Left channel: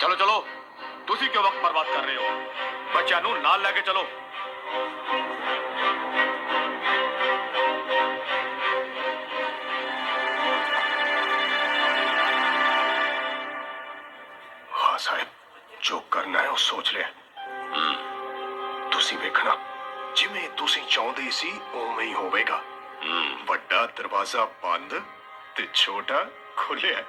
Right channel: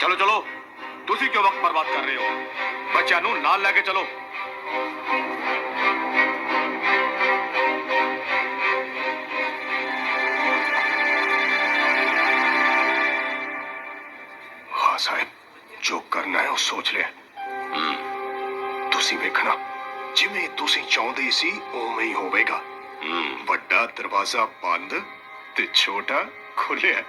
ਚਲੋ ਚਲੋ ਤੁਸੀਂ ਕਿਉਂ ਵਕਤ ਬਰਬਾਦ ਕਰ ਰਹੇ ਹੋ ਬੱਚਿਆਂ ਨੂੰ ਨਾਲ ਲੈ ਕੇ ਚਲੋ ਹਾਂ ਸਾਹਿਬ ਜੋ ਕਰਨਾ ਹੈ ਉਹ ਸੋਚ ਲਿਆ ਤੁਸੀਂ ਵੇਖਣਾ ਜਿਵੇਂ ਤੁਸੀਂ ਚਾਹੁੰਦੇ ਸੀ ਉਵੇਂ ਹੀ ਹੋਵੇਗਾ ਵੱਡਾ ਦਰਵਾਜ਼ਾ ਬੰਦ ਤੇ ਛੋਟਾ ਖੁੱਲਿਆ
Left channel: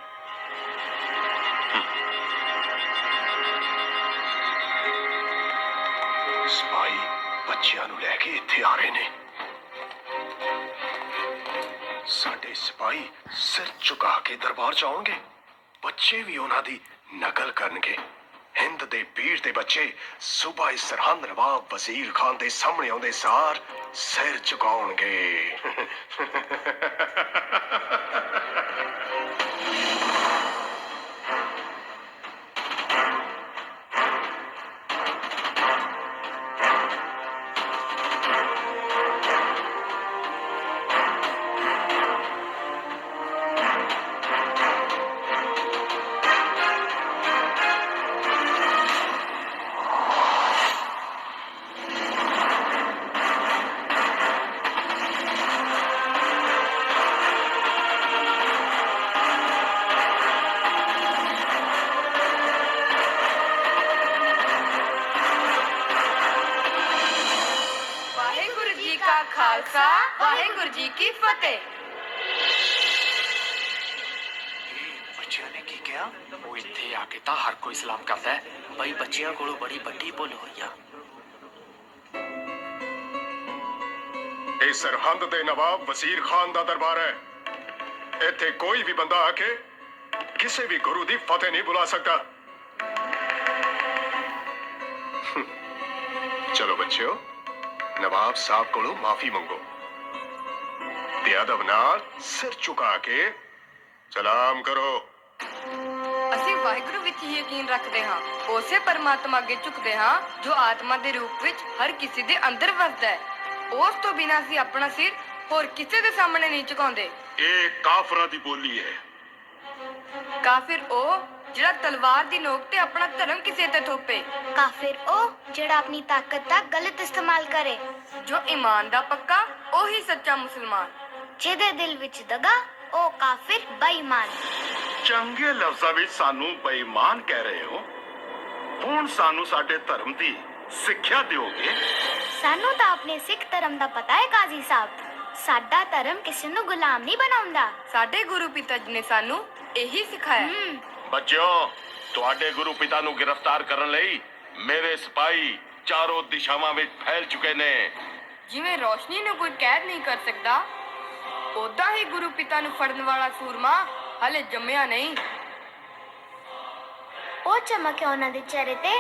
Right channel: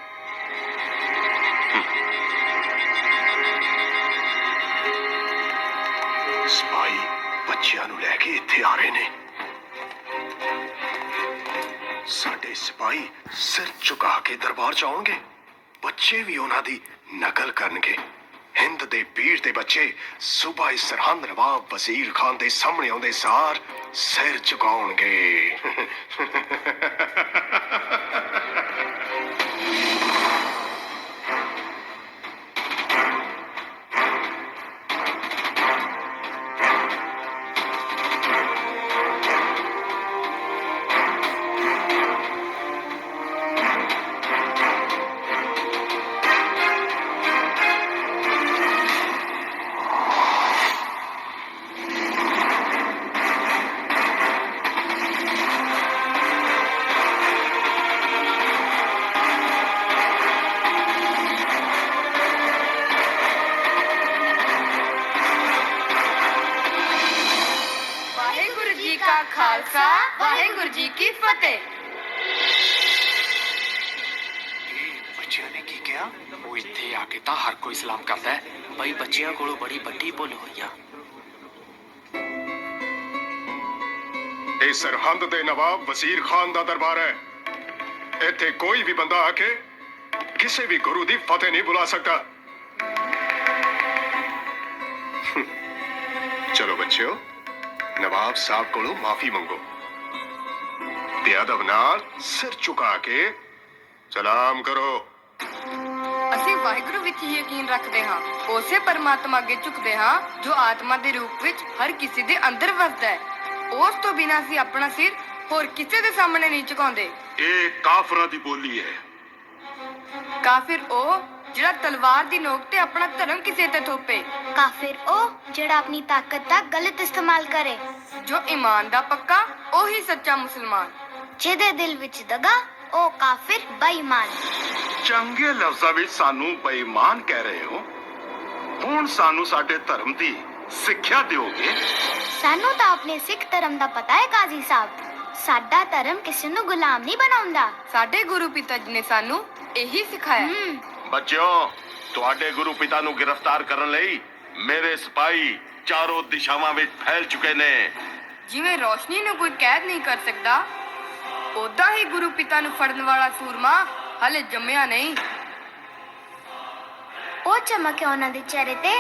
ਬੱਚਿਆਂ ਨੂੰ ਲੈ ਕੇ ਇੱਥੇ ਆ ਰਹੇ ਨੇ। ਸਾਡੇ ਸਿਪਾਹੀ ਸਿਰ ਝੁਕਾ ਕੇ ਦਰਬਾਰ ਚ ਆਉਣਗੇ। ਬੱਚੇ ਵੀ ਉਹਨਾਂ ਦੀ ਨਕਲ ਕਰਨਗੇ। ਹਿੰਦ ਦੇ ਪੀਰ ਦੇ ਬੱਚੇ ਸੂਬਾਈ ਸਰਹੰਦ ਨਵਾਬ ਵਜ਼ੀਰ ਖਾਨ ਦੇ ਸਾਹਮਣੇ ਆਉਂਦੇ ਸਾਰ ਸਿਰ ਝੁਕਾਉਣਗੇ। ਖਾਲਸਾ ਵਾਹਿਗੁਰੂ ਜੀ ਕੀ ਫਤਿਹ। ਬੱਚਿਆਂ ਨੇ ਕੀ ਕਿਹਾ? ਉਹ ਇੱਥੇ ਆ ਕੇ ਤਾਂ ਹਰ ਕੋਈ ਸਲਾਮ ਕਰਦਾ ਹੈ। ਬਈ ਬੱਚਿਆਂ ਕੋਲੋਂ ਬੜੀ ਵੱਡੀ ਭੁੱਲ ਹੋਈ ਆ। ਇਹ ਸਰਹੰਦ ਦੇ ਨਵਾਬ ਵਜ਼ੀਰ ਖਾਨ ਦਾ ਦਰਬਾਰ ਹੈ। ਇੱਥੇ ਕੋਈ ਵੀ ਬੰਦਾ ਆ ਕੇ ਕਿਸੇ ਵੀ ਗੁਰੂ ਦੀ ਫਤਿਹ ਨਹੀਂ ਬੁਲਾ ਸਕਦਾ। ਚਲੋ ਬੱਚਿਓ ਨਵਾਬ ਸਾਹਿਬ ਕੋਲੋਂ ਮਾਫੀ ਮੰਗੋ। ਤੇ ਅਦਬ ਨਾਲ ਸਿਰ ਝੁਕਾ ਕੇ ਸਲਾਮ ਕਰੋ। ਅਸੀਂ ਵਾਹਿਗੁਰੂ ਵਿੱਚ ਹੀ ਯਕੀਨ ਰੱਖਦੇ ਹਾਂ। ਉਸੇ ਪਰਮਾਤਮਾ ਅੱਗੇ ਝੁਕਦੇ ਹਾਂ ਜੋ ਆਤਮਾ ਦੇ ਰੂਪ ਵਿੱਚ ਹਰ ਕਿਸੇ ਦੇ ਅੰਦਰ ਵਸਦਾ ਹੈ। ਉਸ ਤੋਂ ਬਿਨਾਂ ਅਸੀਂ ਆਪਣਾ ਸਿਰ ਹੋਰ ਕਿਸੇ ਦੇ ਸਾਹਮਣੇ ਨਹੀਂ ਝੁਕਾਉਂਦੇ। ਇਹ ਕਾਫਰਾਂ ਦੀ ਬੋਲੀ ਹੈ। ਕਾਫਿਰ ਉਹ ਜਿਹੜਾ ਤਲਵਾਰ ਦੀ ਨੋਕ ਤੇ ਆਪਣਾ ਧਰਮ ਕਿਸੇ ਤੇ ਥੋਪੇ। ਕਾਫਿਰ ਉਹ ਜਿਹੜਾ ਆਪਣੀ ਤਾਕਤ ਦਾ ਗਲਤ ਇਸਤੇਮਾਲ ਕਰੇ। ਜੋ ਈਮਾਨ ਦਾ ਪੱਕਾ ਉਹੀ ਸੱਚਾ ਮੁਸਲਮਾਨ। ਜਿਹਦੇ ਦਿਲ ਵਿੱਚ ਦਗਾ ਉਹ ਕਾਫਿਰ ਬੇਈਮਾਨ। ਚੰਗੇ ਲਫ਼ਜ਼ਾਂ ਵਿੱਚ ਸਾਨੂੰ ਬੇਈਮਾਨ ਕਹਿ ਰਹੇ ਹੋ। ਹੁਣ ਸਾਨੂੰ ਸਾਡੇ ਧਰਮ ਦੀ ਸਿੱਖਿਆ ਦਿਓਗੇ। ਸਾਨੂੰ ਤਾਂ ਆਪਣੇ ਸਿੱਖ ਧਰਮ ਦਾ ਪਤਾ ਹੈ ਕਾਜ਼ੀ ਸਾਹਿਬ। ਸਾਡਾ ਧਰਮ ਕਿਸੇ ਨੂੰ ਗੁਲਾਮ ਨਹੀਂ ਬਣਾਉਂਦਾ। ਸਾਡੇ ਗੁਰੂ ਪਿਤਾ ਜੀ ਨੇ ਸਾਨੂੰ ਇਹੀ ਸਿਖਾਇਆ। ਹਮ ਬੱਚਿਓ ਤੁਹਾਡੇ ਗੁਰੂ ਪਿਤਾ ਨੂੰ ਗ੍ਰਿਫਤਾਰ ਕਰਨ ਲਈ ਮੇਰੇ ਸਿਪਾਹੀ ਚਾਰੋਂ ਦਿਸ਼ਾਵਾਂ ਵਿੱਚ ਫੈਲ ਚੁੱਕੇ ਨੇ। ਜਿਵੇਂ ਰੋਸ਼ਨੀ ਨੂੰ ਕੋਈ ਕੈਦ ਨਹੀਂ ਕਰ ਸਕਦਾ ਉਦਾਂ ਹੀ ਗੁਰੂ ਪਿਤਾ ਨੂੰ ਫੜਨ ਵਾਲਾ ਸੂਰਮਾ ਹਲੇ ਜੰਮਿਆ ਨਹੀਂ। ਉਹ ਚਮਕ ਹੈ ਉਹਨਾਂ ਦੇ ਚਿਹਰੇ ਤੇ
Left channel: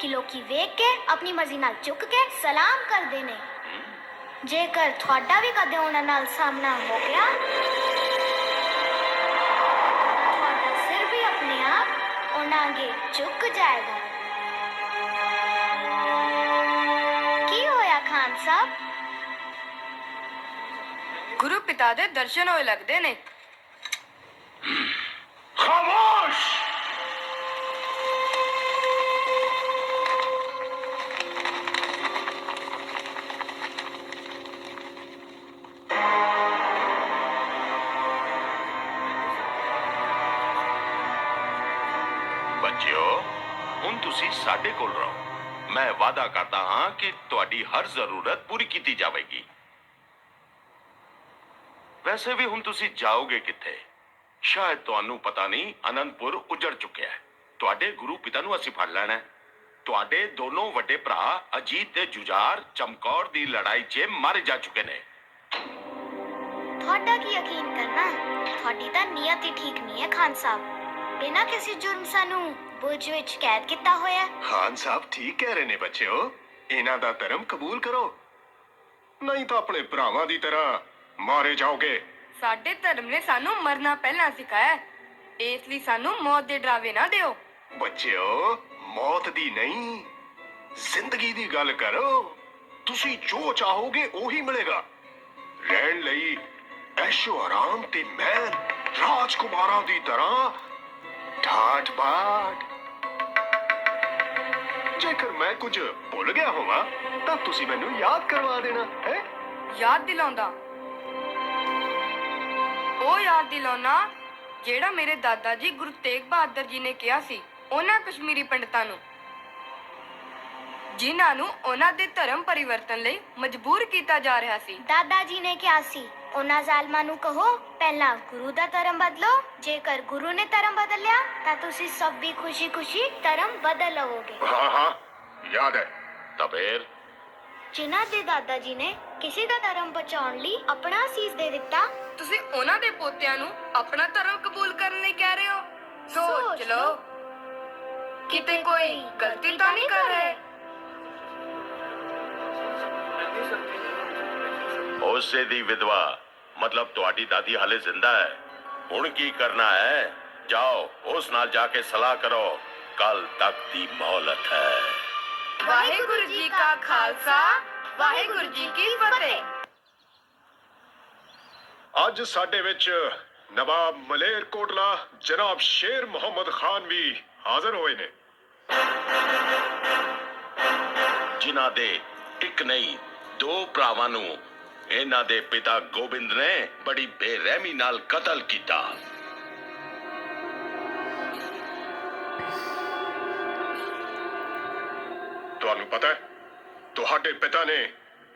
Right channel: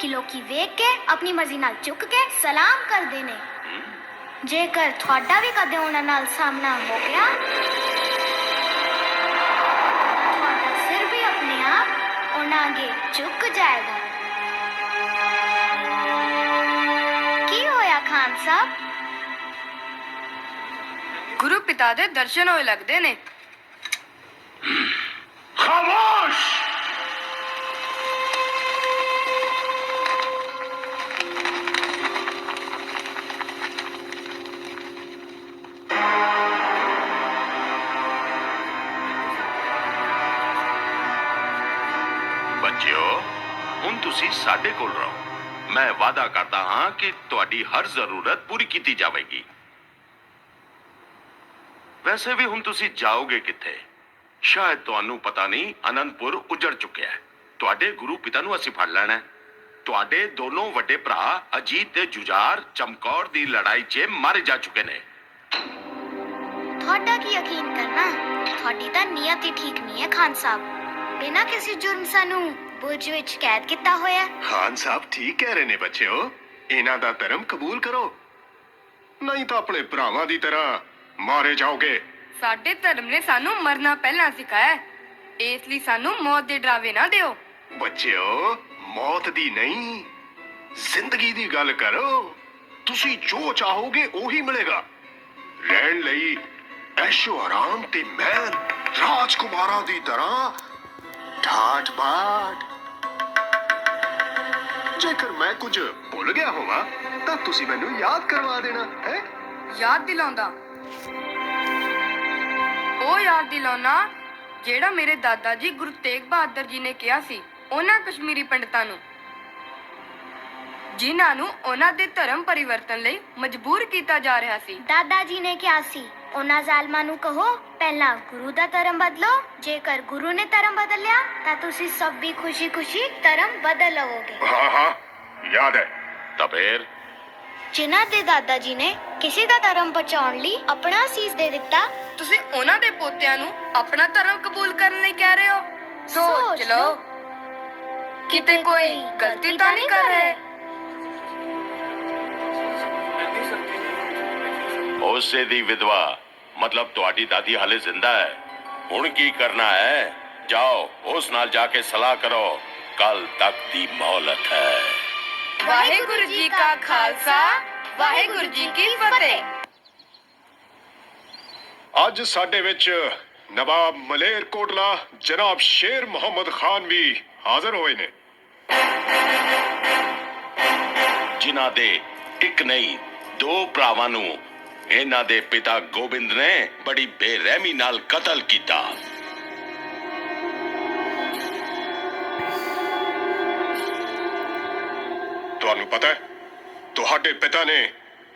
ਕਿ ਲੋਕੀ ਵੇਖ ਕੇ ਆਪਣੀ ਮਰਜ਼ੀ ਨਾਲ ਝੁਕ ਕੇ ਸਲਾਮ ਕਰਦੇ ਨੇ। ਜੇਕਰ ਤੁਹਾਡਾ ਵੀ ਕਦੇ ਉਹਨਾਂ ਨਾਲ ਸਾਹਮਣਾ ਹੋ ਗਿਆ ਆਪ ਉਹਨਾਂ ਅੱਗੇ ਝੁਕ ਜਾਏਗਾ ਕੀ ਹੋਇਆ ਖਾਨ ਸਾਹਿਬ ਗੁਰੂ ਪਿਤਾ ਦੇ ਦਰਸ਼ਨ ਹੋਏ ਲੱਗਦੇ ਨੇ ਤੁਸੀਂ ਸਾਡੇ ਕੋਲ ਰਹੋ। ਮੈਂ ਵਾਅਦਾ ਕਰਦਾ ਹਾਂ ਕਿ ਤੁਹਾਡੀ ਹਰ ਜ਼ਰੂਰਤ ਪੂਰੀ ਕੀਤੀ ਜਾਵੇਗੀ। ਵੈਸੇ ਵੀ ਹੁਣ ਤੁਸੀਂ ਜਾਓਗੇ ਕਿੱਥੇ? ਸ਼ਾਇਦ ਤੁਹਾਨੂੰ ਪਤਾ ਨਹੀਂ, ਅਨੰਦਪੁਰ ਉਜੜ ਚੁੱਕਿਆ ਹੈ। ਤੁਹਾਡੇ ਗੁਰੂ ਪਿਤਾ ਨੂੰ ਅਸੀਂ ਫੜ ਲੈਣਾ ਹੈ। ਤੁਹਾਡੇ ਦੋਨੋਂ ਵੱਡੇ ਭਰਾ, ਅਜੀਤ ਤੇ ਜੁਝਾਰ, ਚਮਕੌਰ ਦੀ ਲੜਾਈ 'ਚ ਮਰ ਜਾ ਚੁੱਕੇ ਨੇ। ਤੁਹਾਡਾ ਕੀ ਯਕੀਨ ਕਰਨਾ? ਤੁਹਾਡੀ ਤਾਂ ਨੀਅਤ ਹੀ ਠੀਕ ਨਹੀਂ ਹੈ, ਖਾਨ ਸਾਹਿਬ। ਬਿਨਾਂ ਕਿਸੇ ਜੁਰਮ ਸਾਨੂੰ ਬੁਰਜ ਵਿੱਚ ਕੈਦ ਕੀਤਾ ਹੋਇਆ ਹੈ। ਖਾਨ ਸਾਹਿਬ ਠੀਕ ਕਹਿ ਰਹੇ ਨੇ ਬੱਚਿਓ। ਇਹਨਾਂ ਦਾ ਧਰਮ ਕਬੂਲ ਕਰੋ। ਨਹੀਂ ਤਾਂ ਆਪਣੇ ਭਰਾਵਾਂ ਦੀ ਤਰ੍ਹਾਂ ਮਾਰੇ ਜਾਓਗੇ। ਸਾਡੇ ਧਰਮ ਨੇ ਸਾਨੂੰ ਮਰਨਾ ਪਹਿਲਾਂ ਸਿਖਾਇਆ ਹੈ। ਇਸ ਲਈ ਸਾਨੂੰ ਮੌਤ ਦੇ ਡਰਾਵੇ ਨਾ ਦਿਓ। ਬੱਚਿਓ ਮੌਤ ਦੀ ਨਹੀਂ ਜ਼ਿੰਦਗੀ ਦੀ ਗੱਲ ਕਰੋ। ਤੁਸੀਂ ਜੋ ਚਾਹੋਗੇ ਉਹੀ ਮਿਲੇਗਾ। ਰਹਿਣ ਲਈ ਐਸ਼ੋ ਆਰਾਮ ਤੇ ਮਹਿਲ ਰਾਜਕੁਮਾਰਾਂ ਦੀ ਤਰ੍ਹਾਂ ਠਾਠ ਬਾਠ ਜੇਕਰ ਮੈਂ ਕੁਝ ਭੁੱਲ ਗਿਆ ਹੋਵਾਂ ਤਾਂ ਤੁਸੀਂ ਮੈਨੂੰ ਯਾਦ ਕਰਵਾ ਦੇਣਾ ਹੈ ਯਾਦ ਦਿਲਾਉਂਦਾ ਉਹ ਯਾਦ ਦਿਲਾਉਣਾ ਜਿਹੜਾ ਮੇਰੇ ਦਾਦਾ ਜੀ ਗੁਰੂ ਤੇਗ ਬਹਾਦਰ ਜੀ ਨੇ ਕਿਹਾ ਸੀ ਉਹਨਾਂ ਕਸ਼ਮੀਰੀ ਪੰਡਤਾਂ ਨੂੰ ਜਿਨ੍ਹਾਂ ਨੂੰ ਉਹਨਾਂ ਦੇ ਧਰਮ ਪਰਿਵਰਤਨ ਲਈ ਮਜਬੂਰ ਕੀਤਾ ਜਾ ਰਿਹਾ ਸੀ ਦਾਦਾ ਜੀ ਨੇ ਕਿਹਾ ਸੀ ਉਹਨਾਂ ਜ਼ਾਲਮਾਂ ਨੂੰ ਕਹੋ ਪਹਿਲਾਂ ਗੁਰੂ ਦਾ ਧਰਮ ਬਦਲੋ ਜੇਕਰ ਗੁਰੂ ਨੇ ਧਰਮ ਬਦਲਿਆ ਤਾਂ ਤੁਸੀਂ ਸਭ ਵੀ ਖੁਸ਼ੀ-ਖੁਸ਼ੀ ਧਰਮ ਬਦਲ ਲਵੋਗੇ। ਹਾਂ ਹਾਂ ਯਾਦ ਹੈ। ਤਾਂ ਫੇਰ ਜਿਨ੍ਹਾਂ ਦੇ ਦਾਦਾ ਜੀ ਨੇ ਕਿਸੇ ਦਾ ਧਰਮ ਬਚਾਉਣ ਲਈ ਆਪਣਾ ਸੀਸ ਦੇ ਦਿੱਤਾ ਤੁਸੀਂ ਉਹਨਾਂ ਦੇ ਪੋਤਿਆਂ ਨੂੰ ਆਪਣਾ ਧਰਮ ਕਬੂਲ ਕਰਨ ਲਈ ਕਹਿ ਰਹੇ ਹੋ? ਸੋਚ ਲਓ। ਕਿਤੇ ਕੋਈ ਗਲਤੀ ਤਾਂ ਨਹੀਂ ਕਰ ਰਹੇ? ਉਸੇ ਦੀ ਵਿਧਵਾ। ਮਤਲਬ ਤੁਹਾਡੀ ਦਾਦੀ ਹਾਲੇ ਜ਼ਿੰਦਾ ਹੈ। ਹੁਣ ਕੀ ਕਰਨਾ ਹੈ? ਜਾਓ ਉਸ ਨਾਲ ਜਾ ਕੇ ਸਲਾਹ ਕਰੋ। ਕੱਲ ਤੱਕ ਦੀ ਮੌਲਤ ਹੈ। ਵਾਹਿਗੁਰੂ ਜੀ ਕਾ ਖਾਲਸਾ ਵਾਹਿਗੁਰੂ ਜੀ ਕੀ ਫਤਿਹ। ਅੱਜ ਸਾਡੇ ਵਿੱਚ ਨਵਾਬ ਮਲੇਰ ਕੋਟਲਾ ਜਨਾਬ ਸ਼ੇਰ ਮੁਹੰਮਦ ਖਾਨ ਵੀ ਹਾਜ਼ਰ ਹੋਏ ਨੇ। ਜਿਨ੍ਹਾਂ ਦੇ ਇੱਕ ਨਹੀਂ ਦੋ ਭਰਾਵਾਂ ਨੂੰ ਇਹਨਾਂ ਦੇ ਪਿਤਾ ਗੋਬਿੰਦ ਨੇ ਬੜੀ ਬੇਰਹਿਮੀ ਨਾਲ ਕਤਲ ਕੀਤਾ। ਤੁਹਾਨੂੰ ਪਤਾ ਹੈ ਤੁਹਾਡੇ ਪਿਤਾ ਨੇ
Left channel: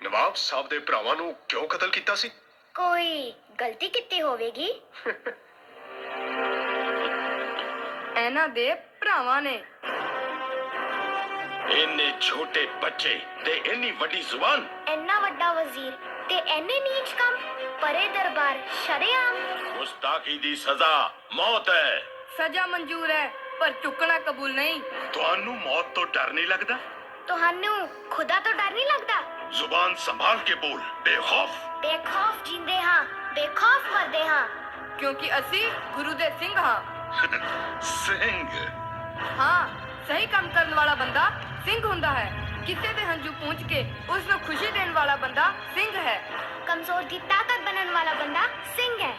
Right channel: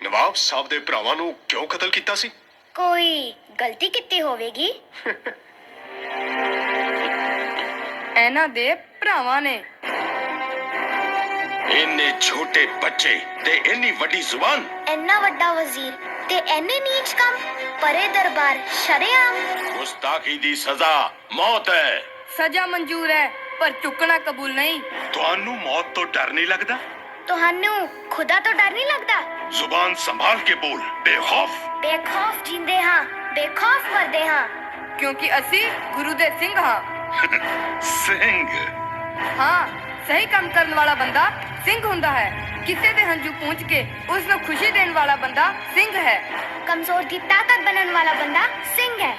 ਨਵਾਬ ਸਾਹਿਬ ਦੇ ਭਰਾਵਾਂ ਨੂੰ ਕਿਉਂ ਕਤਲ ਕੀਤਾ ਸੀ? ਕੋਈ ਗਲਤੀ ਕੀਤੀ ਹੋਵੇਗੀ? ਇਹਨਾਂ ਦੇ ਭਰਾਵਾਂ ਨੇ। ਇੰਨੇ ਛੋਟੇ ਬੱਚੇ ਤੇ ਇੰਨੀ ਵੱਡੀ ਜ਼ੁਬਾਨ। ਇੰਨਾ ਵੱਡਾ ਵਜ਼ੀਰ ਤੇ ਐਨੇ ਨੀਚ ਕੰਮ ਪਰੇ ਦਰਬਾਰ ਸ਼ਰਿਆਮ। ਗੁਸਤਾਖੀ ਦੀ ਸਜ਼ਾ ਮੌਤ ਹੈ। ਸਜ਼ਾ ਮਨਜ਼ੂਰ ਹੈ ਪਰ ਚੁੱਕਣਾ ਕਬੂਲ ਨਹੀਂ। ਤੁਹਾਨੂੰ ਮੌਤ ਤੋਂ ਡਰ ਨਹੀਂ ਲੱਗਦਾ? ਤੁਹਾਨੂੰ ਖੁਦਾ ਤੋਂ ਡਰ ਨਹੀਂ ਲੱਗਦਾ? ਜ਼ੁਬਾਨ ਸੰਭਾਲ ਕੇ ਬੋਲ ਬੇਖੌਫ। ਬੇਖੌਫ ਜਿੰਦੇ ਹਾਂ ਬੇਖੌਫ ਮਰਦੇ ਹਾਂ। ਕਿਉਂਕਿ ਅਸੀਂ ਗੁਰੂ ਦੇ ਸਿੰਘ ਹਾਂ। ਸਿੰਘ। ਹਾਂ। ਸਹੀ ਕੰਮ ਕਰਨ ਵਾਲਾ ਬੰਦਾ ਸਿੰਘ ਹੁੰਦਾ ਹੈ। ਕਿਸੇ ਦੇ ਹੰਝੂ ਪੂੰਝ ਕੇ ਉਸ ਨੂੰ ਖੁਸ਼ੀ ਦੇਣ ਵਾਲਾ ਬੰਦਾ ਸਿੰਘ ਹੈ। ਕਮਜ਼ੋਰ ਦੀ ਤਾਕਤ ਬਣਨ ਵਾਲਾ ਬੰਦਾ ਸਿੰਘ ਹੈ।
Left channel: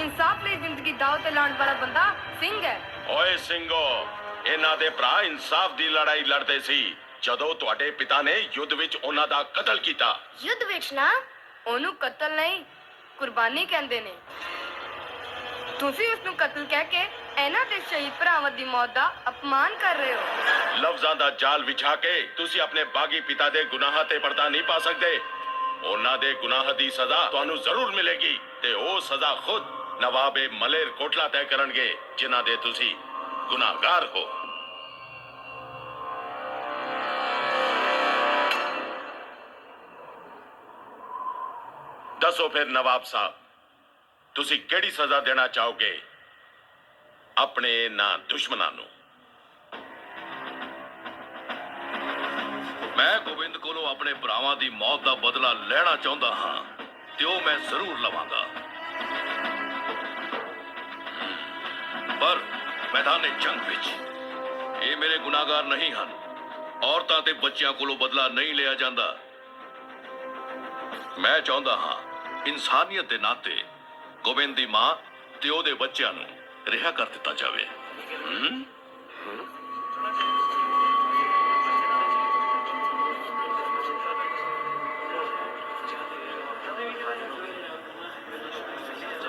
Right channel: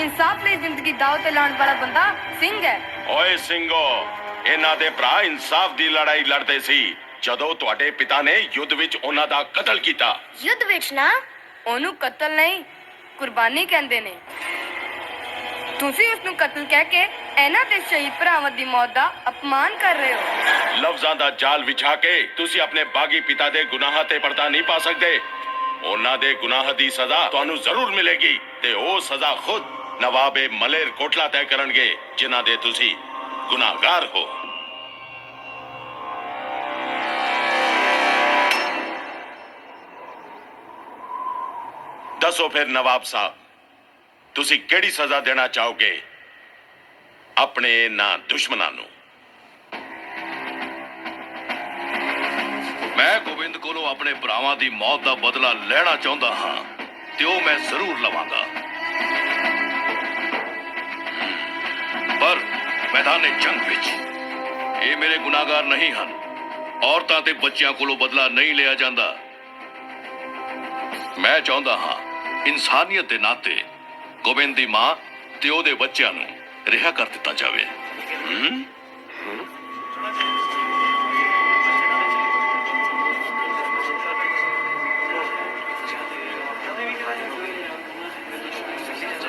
ਇਨਸਾਫ ਲਈ ਜ਼ਿੰਦਗੀ ਦਾਅ ਤੇ ਲਾਉਣ ਵਾਲਾ ਬੰਦਾ ਸਿੰਘ ਹੈ। ਓਏ ਸਿੰਘੋ ਇਹਨਾਂ ਦੇ ਭਰਾ ਇਨਸਾਫ ਦੀ ਲੜਾਈ ਲੜਦੇ ਸੀ। ਜਦੋਂ ਤੁਹਾਡੇ ਪਿਤਾ ਨੇ ਯੁੱਧ ਵਿੱਚ ਉਹਨਾਂ ਦਾ ਕਤਲ ਕੀਤਾ। ਯੁੱਧ ਵਿੱਚ ਨਾ? ਉਹਨੂੰ ਕਤਲ ਨਹੀਂ ਕੁਰਬਾਨੀ ਕਹਿੰਦੇ ਨੇ। ਤੁਸੀਂ ਉਸ ਨੂੰ ਕਤਲ ਕਹਿ ਕੇ ਇਹਨਾਂ ਦੇ ਸ਼ਹੀਦ ਭਰਾਵਾਂ ਦੀ ਮੌਤ ਦਾ ਅਪਮਾਨ ਕਰ ਰਹੇ ਹੋ। ਲਫ਼ਜ਼ਾਂ ਦਾ ਜਾਲ ਵਿਛਾ ਕੇ ਤੁਸੀਂ ਆਪਣੇ ਬਾਗੀ ਪਿਤਾ ਦੇ ਗੁਨਾਹਾਂ ਤੇ ਪਰਦਾ ਨਹੀਂ ਪਾ ਸਕਦੇ। ਉਹਨਾਂ ਦੇ ਗੁਨਾਹ ਦੀ ਸਜ਼ਾ ਤੁਹਾਨੂੰ ਜ਼ਰੂਰ ਮਿਲੇਗੀ ਤੇ ਉਹ ਸਜ਼ਾ ਖੁਦ ਨਵਾਬੇ ਮਲੇਰ ਕੋਟਲਾ ਤੈਅ ਕਰਨਗੇ, ਜਿਨ੍ਹਾਂ ਦੇ ਤੁਸੀਂ ਗੁਨਾਹਗਾਰ ਹੋ। ਦੱਸੋ ਫਿਰ ਨਵਾਬ ਸਾਹਿਬ, ਤੁਸੀਂ ਕਿਹੜੀ ਸਜ਼ਾ ਦੇਣਾ ਚਾਹੋਗੇ? ਆਪਣੇ ਨਾ ਦੁਸ਼ਮਣਾਂ ਨੂੰ। ਮੈਂ ਗੋਬਿੰਦ ਕੋਲੋਂ ਆਪਣੇ ਭਰਾਵਾਂ ਦੀ ਮੌਤ ਦਾ ਬਦਲਾ ਲੈਣਾ ਚਾਹੁੰਦਾ ਹਾਂ, ਤੇ ਉਹ ਮੈਂ ਜ਼ਰੂਰ ਲਵਾਂਗਾ। ਪਰ ਮੈਦਾਨੇ ਜੰਗ ਵਿੱਚ ਇਹ ਮੇਰੇ ਗੁਨਾਹਗਾਰ ਨਹੀਂ ਹਨ। ਔਰਤਾਂ ਤੇ ਬੱਚਿਆਂ ਕੋਲੋਂ ਬਦਲਾ ਨਹੀਂ ਲਿਆ ਜਾਂਦਾ। ਮੈਂ ਚਾਹੁੰਦਾ ਹਾਂ, ਇਨਸਾਨੀਅਤ ਦੇ ਨਾਤੇ ਗੋਬਿੰਦ ਦੀ ਮਾਂ ਤੇ ਉਹਦੇ ਬੱਚਿਆਂ ਨੂੰ ਰਿਹਾ ਕਰ ਦਿੱਤਾ ਜਾਵੇ।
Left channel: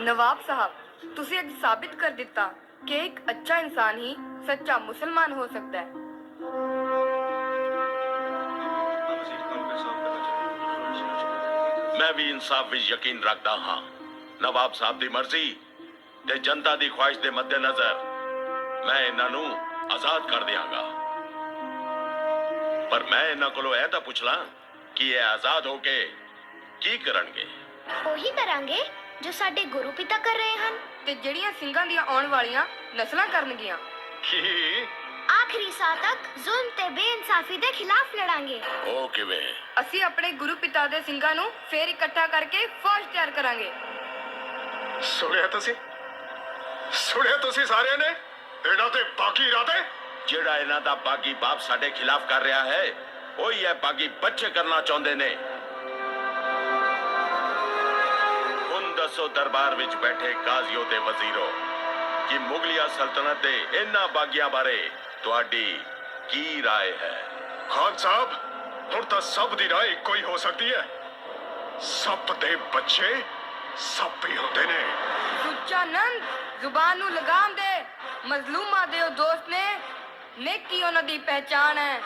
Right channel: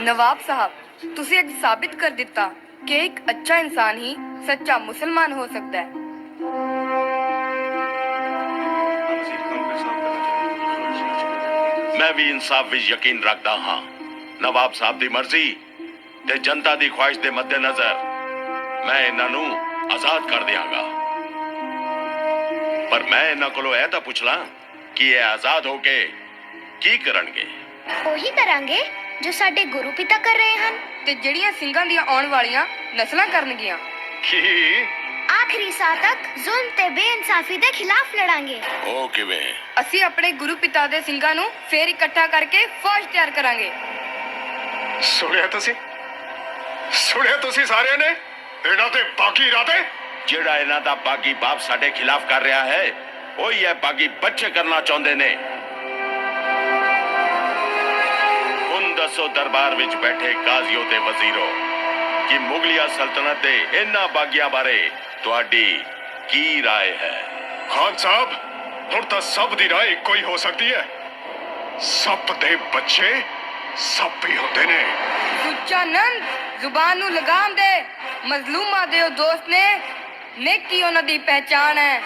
ਨਵਾਬ ਸਾਹਿਬ ਤੁਸੀਂ ਅੱਜ ਸਾਬਿਤ ਕਰ ਦਿੱਤਾ ਕਿ ਇੱਕ ਅੱਛਾ ਇਨਸਾਨ ਹੀ ਸੱਚਾ ਮੁਸਲਮਾਨ ਹੋ ਸਕਦਾ ਹੈ। ਮੈਂ ਵੀ ਇਨਸਾਫ ਵਿੱਚ ਯਕੀਨ ਰੱਖਦਾ ਹਾਂ। ਨਵਾਬ ਸਾਹਿਬ ਦੀ ਮਰਜ਼ੀ ਤੇ ਜਨਤਾ ਦੀ ਖੁਆਇਸ਼ ਦੇ ਮੱਦੇਨਜ਼ਰ ਮੈਂ ਇਹਨਾਂ ਨੂੰ ਆਜ਼ਾਦ ਕਰ ਦਿਆਂਗਾ। ਪਰ ਮੈਂ ਇਹਨਾਂ ਕੋਲੋਂ ਇਹ ਤਾਂ ਪੁੱਛ ਲਾਂ ਕਿ ਇਹ ਆਜ਼ਾਦ ਹੋ ਕੇ ਕੀ ਕਰਨਗੇ। ਉਹੀ ਕਰਾਂਗੇ ਜੋ ਸਾਡੇ ਗੁਰੂ ਪਿਤਾ ਕਰ ਰਹੇ ਹਨ। ਤੇ ਜਿਹੜੀਆਂ ਸਿੰਘਾਂ ਦੀਆਂ ਆਉਣ ਵਾਲੀਆਂ ਨਸਲਾਂ ਕਰਨਗੀਆਂ। ਕੀ? ਆਖਰੀ ਸਾਹ ਤੱਕ ਜ਼ੁਲਮ ਤੇ ਬੇਇਨਸਾਫੀ ਦੇ ਖਿਲਾਫ ਲੜਾਂਗੇ। ਉਹ ਕਿਵੇਂ? ਅਸੀਂ ਆਪਣੇ ਗੁਰੂ ਪਿਤਾ ਦੇ ਸਿੰਘਾਂ ਨੂੰ ਫੇਰ ਇਕੱਠਾ ਕਰਕੇ ਫੌਜ ਤਿਆਰ ਕਰਾਂਗੇ। ਸੁਣਿਆ ਤੁਸੀਂ? ਸੁਣਿਆ ਤੁਸੀਂ ਸਾਰਿਆਂ ਨੇ? ਇਹਨਾਂ ਦੇ ਬਾਕੀ ਇਰਾਦੇ? ਜਿਹੜਾ ਇਹਨਾਂ ਦਾ ਬਾਗੀ ਬਾਪ ਸਾਡੇ ਖਿਲਾਫ ਕਰ ਰਿਹਾ ਹੈ ਉਹੀ ਇਹ ਬਾਗੀ ਬੱਚੇ ਕਰਨਾ ਚਾਹੁੰਦੇ ਨੇ। ਹੁਣ ਦੱਸੋ ਦਰਬਾਰ ਵਿੱਚ ਬੈਠੇ ਕਾਜ਼ੀਓ ਤੇ ਵਜ਼ੀਰੋ ਕਿ ਮੁਗਲਿਆ ਸਲਤਨਤ ਦੇ ਇਹਨਾਂ ਬਾਗੀਆਂ ਬਾਰੇ ਤੁਹਾਡੀ ਕੀ ਰਾਏ ਹੈ? ਖਾਨ ਸਾਹਿਬ ਹੁਣ ਤਾਂ ਸਭ ਦੀ ਰਾਏ ਇੱਕੋ ਹੀ ਹੋ ਸਕਦੀ ਹੈ। ਸੱਪ ਦੇ ਬੱਚੇ ਸੱਪ ਹੀ ਹੁੰਦੇ ਨੇ। ਸੁੱਚਾ ਨੰਦ ਜ਼ੁਬਾਨ ਨੂੰ ਲਗਾਮ ਦੇ ਮਜ਼ਲੂਮਾਂ ਦੇ ਉਹ ਦੋਸਤ ਨੇ ਨੇਕੀ ਉਹਨਾਂ ਦੀ ਪਹਿਚਾਣ ਹੈ।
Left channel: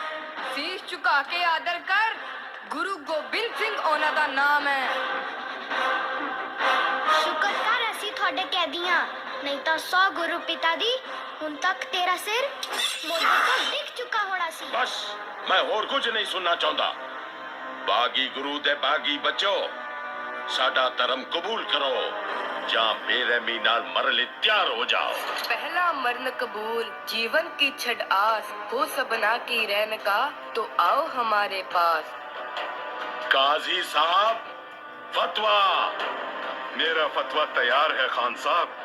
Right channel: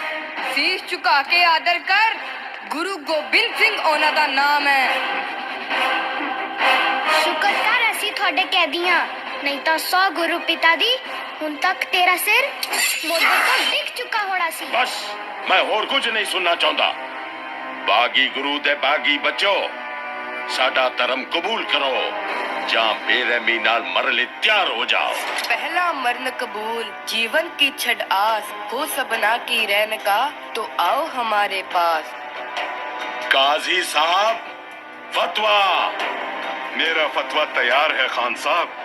ਸੀਸ ਝੁਕਾ ਕੇ ਆਦਰ ਕਰ ਗੁਰੂ ਗੋਬਿੰਦ ਸਿੰਘ ਉਹਨਾਂ ਦਾ ਨਾਮ ਹੈ। ਸ਼ੁਕਰ ਕਰ ਅਸੀਂ ਤੁਹਾਡੇ ਕੈਦੀਆਂ ਨਹੀਂ ਤਾਂ 100 ਗੁਰੂ ਪਿਤਾ ਦੀ ਹੁਣ ਤੱਕ ਤੇਰਾ ਸਿਰ ਮੋਢੇ ਤੋਂ ਡਿੱਗ ਚੁੱਕਾ ਹੋਣਾ ਸੀ। ਬਸ ਮੈਂ ਹੋਰ ਕੁਝ ਨਹੀਂ ਸੁਣਨਾ ਚਾਹੁੰਦਾ। ਬਾਗੀ ਗੁਰੂ ਦੇ ਬਾਗੀ ਬੱਚੋ ਸਾਡਾ ਧਰਮ ਕਬੂਲ ਕਰੋ ਜਾਂ ਬੇਰਹਿਮੀ ਨਾਲ ਮਰਨ ਲਈ ਤਿਆਰ ਹੋ ਜਾਓ पहला मरण कबूल जीवन की छड़ आस हो सबना की रहन का तो आओ हमारे पास काजी साहब फतवा मेरा फतवा तैयार है खान साहब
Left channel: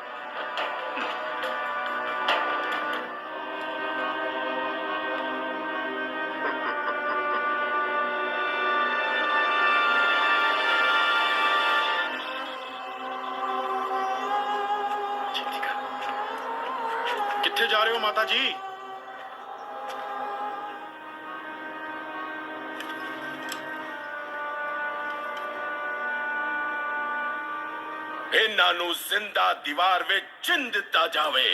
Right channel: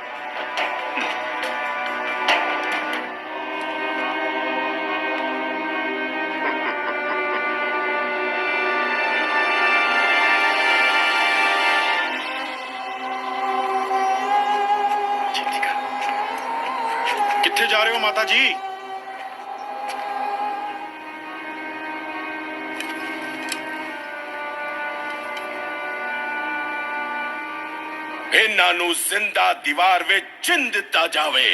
ਰਹੇ ਹੋ ਮਾਤਾ ਜੀ? ਇਹਨਾਂ ਨੂੰ ਜ਼ਿੰਦਾ ਦੀਵਾਰ ਵਿੱਚ ਚਿੰਨ ਦਿੱਤਾ ਜਾਵੇ।